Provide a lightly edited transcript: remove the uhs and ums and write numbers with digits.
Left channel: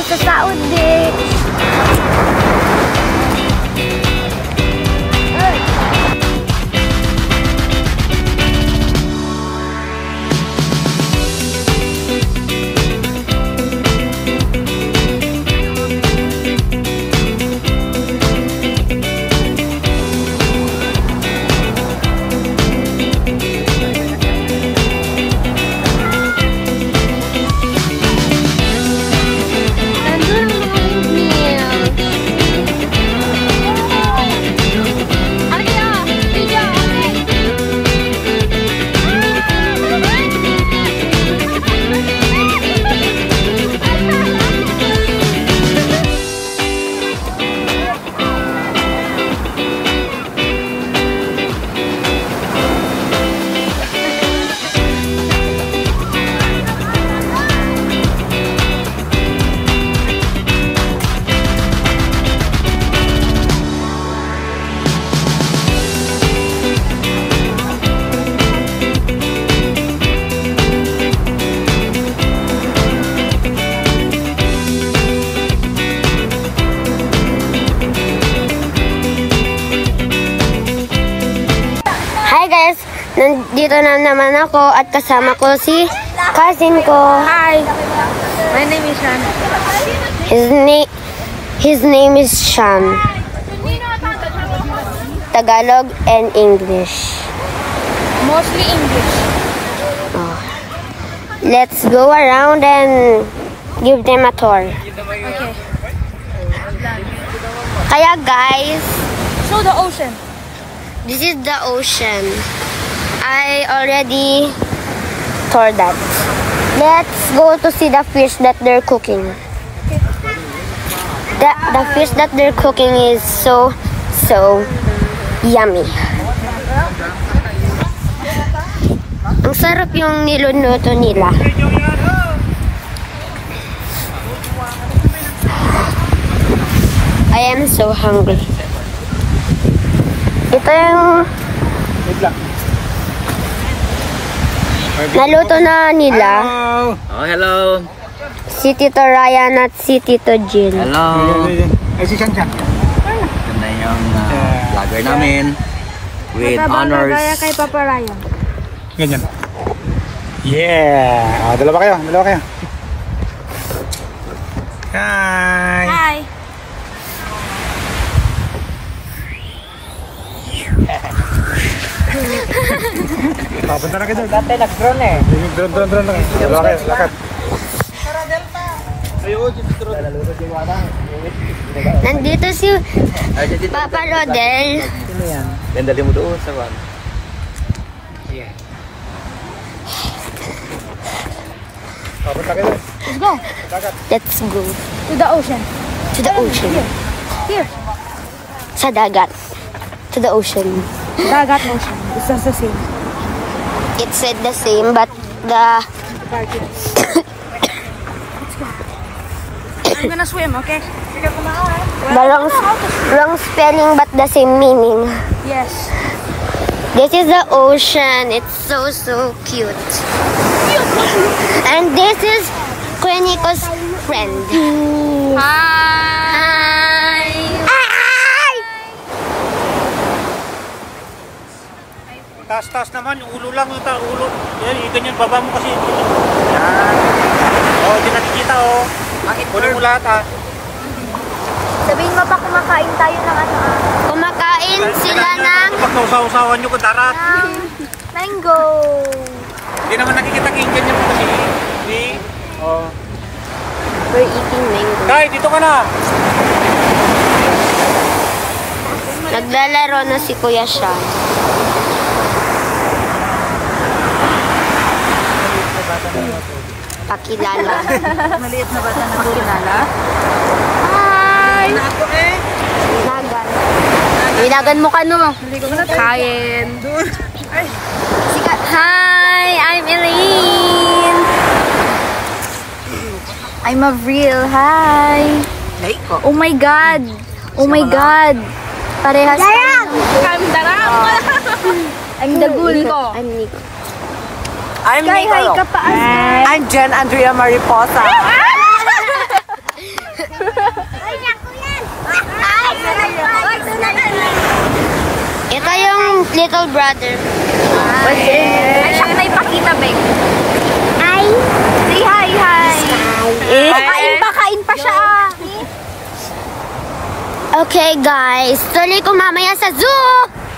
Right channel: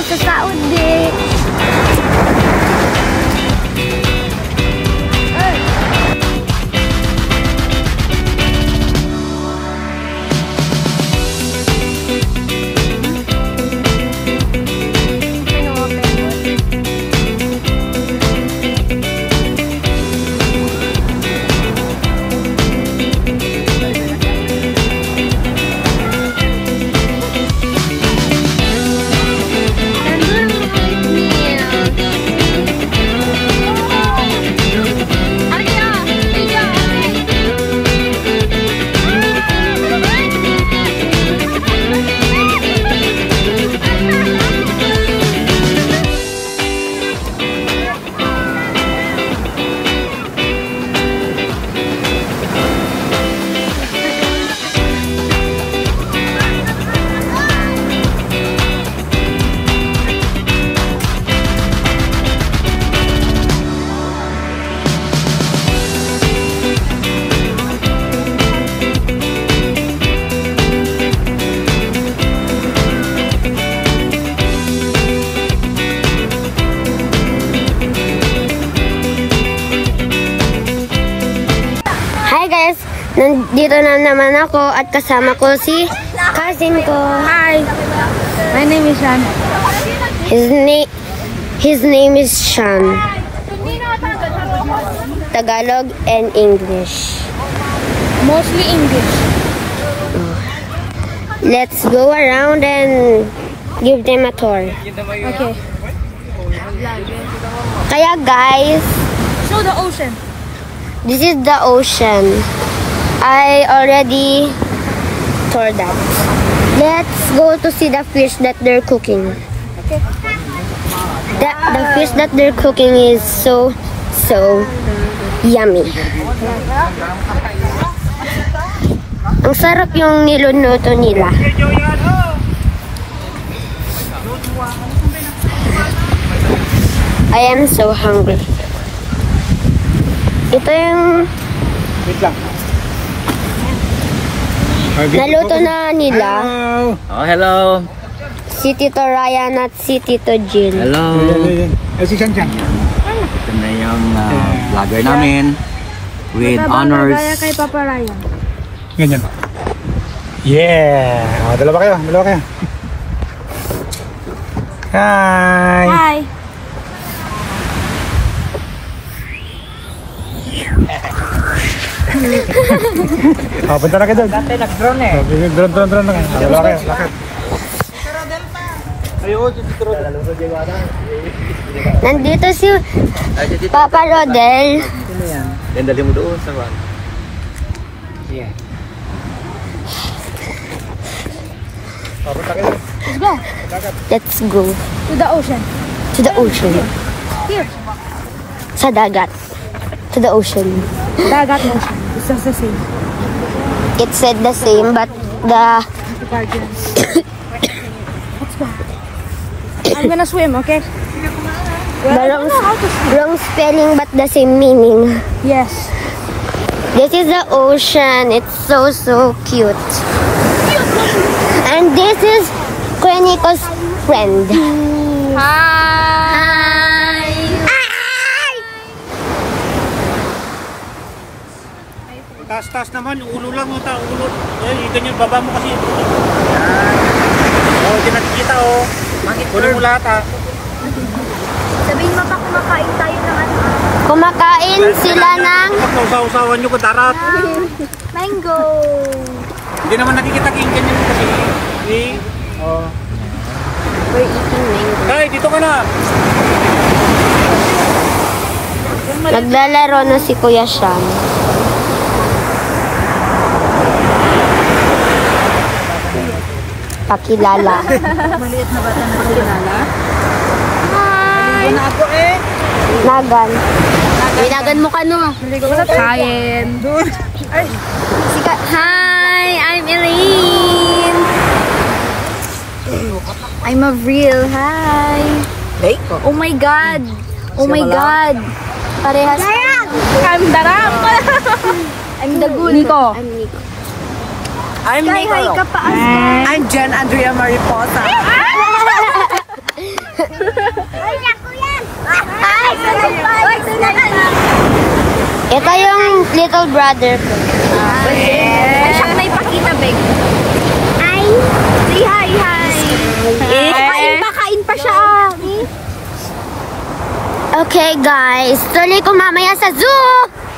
kami sa Saudi. Nandito na naman ako at kasama ko si cousin ko. Hi, my name is Sean. His name is Sean. Tagalog and English. Mostly English. Oh. Let's go around and give them a tour. Okay. Kaya guys, Show the ocean. this is the ocean. I already toured that. Let's go to see the fish that they're cooking. Okay. The fish that they're cooking is so yummy. Ang sarap yung niluluto nila. I am so hungry. Ito yung naluto na nila. Oh, hello. Si Tito Ryan at si Tito Jill. Hello. Ito na yung vlogger namin with honors. Kay Papa Ryan. Ganyan. Yeah. Dalawa kayo. Hi. Hi. Punta na ka doon. Dati nag-drone eh. Drone. Dalawa kayo. Lakad. Nandito si Papa Rodel. Dali mo doon sa baba. Sige. Punta kayo. Let's go. To the ocean. To the ocean. Here. Sa dagat. To the ocean. Dagat ocean. It's just the same. It said the same, but the Let's go. I'm gonna swim, okay? wrong spelling, but the same meaning. Yes. This is the ocean. It's so cute. And this is Kuya Nico's friend. Hi. Taas naman. Yung ulo lang. Ulo. Yan yung baba mo kasi. Yan. Oh, hindi nakikita oh. Kunin mo lahat ah. Sabihin mo pa kumakain tayo ng ano? Kumakain sila ng Usawan nyo ko darat. Mango. Hindi naman nakikita ganyan mo kasi. Oh. we're eating mango. Nay, dito ka na. Naglalaro na si Kuya Sean. Pakilala. Maliit na bata na pakilala. Hi! Ano ako eh? Nagan. Ilagan mo ka no. Kain. Hi! I'm Elaine! I'm Avril. Hi! Oh my God! Oh my God! Parehas. Kandarang! I'm Dagul. Nico. I'm Nico. I'm Jen Andrea Mariposa. Ito yung little brother ko. Ay, siyang na ipakita, Beng. Ay. Say hi, hi. Kain pa siya. Okay guys, tuloy ko mamaya sa zoo.